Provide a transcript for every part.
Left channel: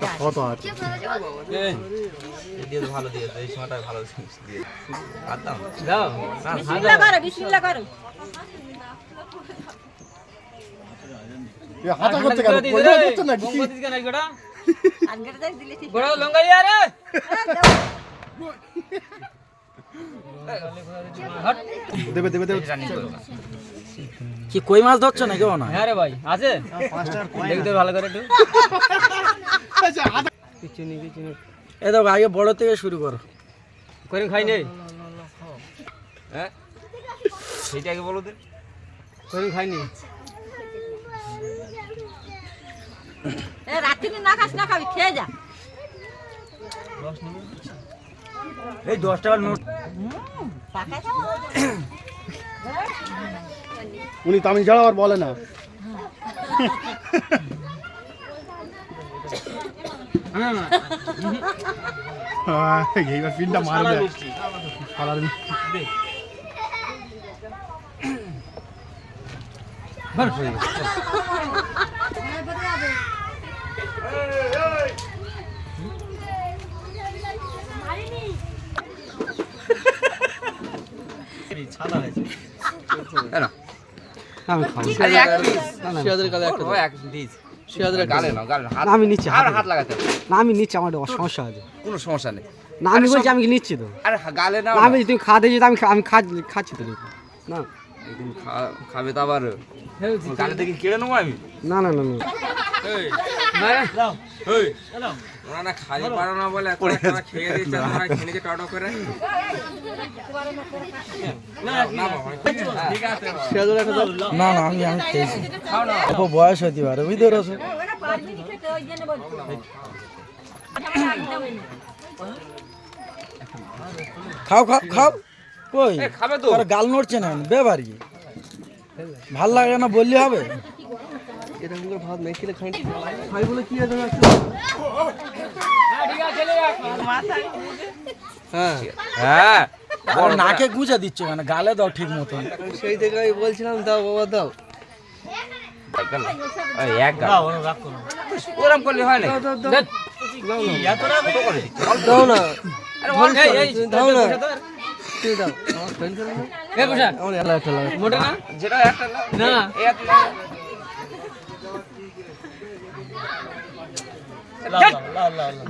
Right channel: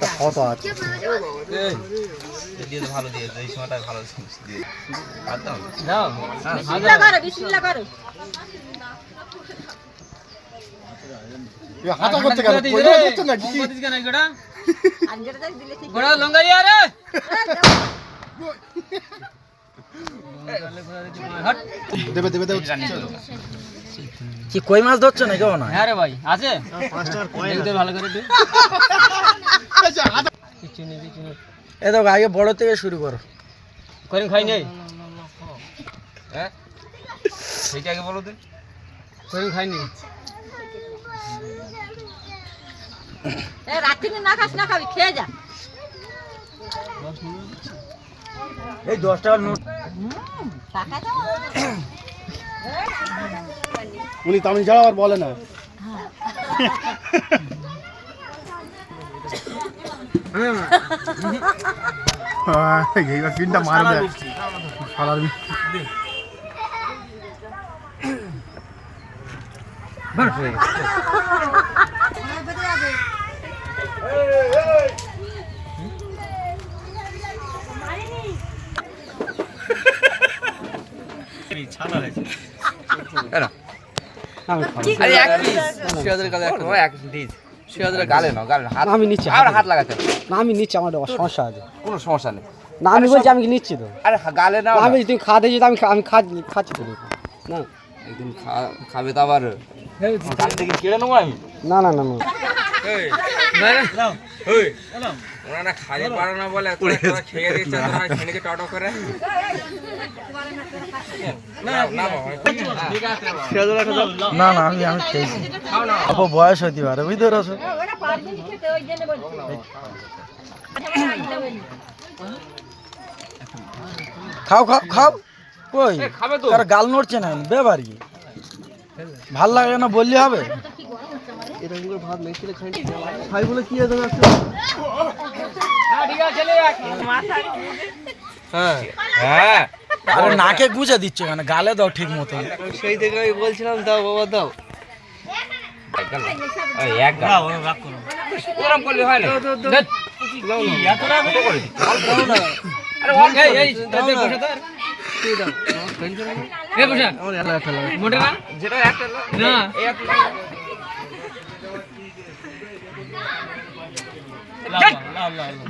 কত আছে ভালো দিয়েছে এই সময়টা ভালো দিয়ে হাতা করতে গেল পয়সা দিচ্ছ না কি গোড়া লঙ্গাইয়া রে দেবে দেবে দেবে কি কই মাছ ধরছ না কেউ না? হ্যাঁ রে ভাই আছে ভালো করে একটু কিছু নেই এ দেখো আগে বড় থেকে শুরু করো। করে খাই নেই হ্যাঁ সেইটা আগে বলো দিন করে খাইনি রাত্রি না খাস না খাবি খেয়ে যা। এই 10 টাকার নোট উনি তামিল ছাড়া আর বলে না এইবার পিনটা মারবে শালার আমি নিচ্ছি হাত লাগাতে না আমি নিচ্ছি আমার সমস্যা আছে কোনো সমস্যা নেই না আমি বলছি আমি নিচ্ছি তো আরে গালে নাও আমি তুমি খাওয়া দিয়েছি আমি আমি খাচ্ছি তো না একদিন খাবে তো আবার গালে থেকে কেড়ে নেবো আমি না না না না ওরা না খালি পারো না বলে খেয়ে দিচ্ছে ছেলেকে টটো করে না না আমি আমি খেয়েছি অল্প বয়স হইতে পারে বুঝতে পারছো খাও খাও খাও কই খাবে তো তার গাল নড়ছে না বেবার কি ভাল লাগে না বললি হবে ভাত নেই খেলে খাই বলে কি আছে হ্যাঁ আরে নাকে গুঁজে দিচ্ছে কেন গালে দাও ঠিক মতো সেই থেকে আমি বলছিলাম দাও বাবা দাও এক গাল ওরম করলে হয় না আরে ওয়ান এই মোটা না যেটা একটা না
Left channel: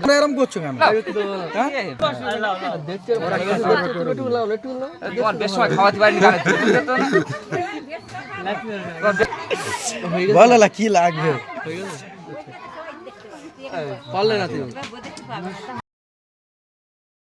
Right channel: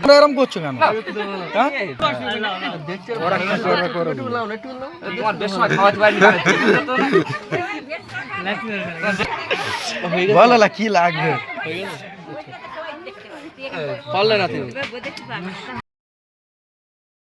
এরকম করছো কেন বলো কি লাগবে পারলে না তুমি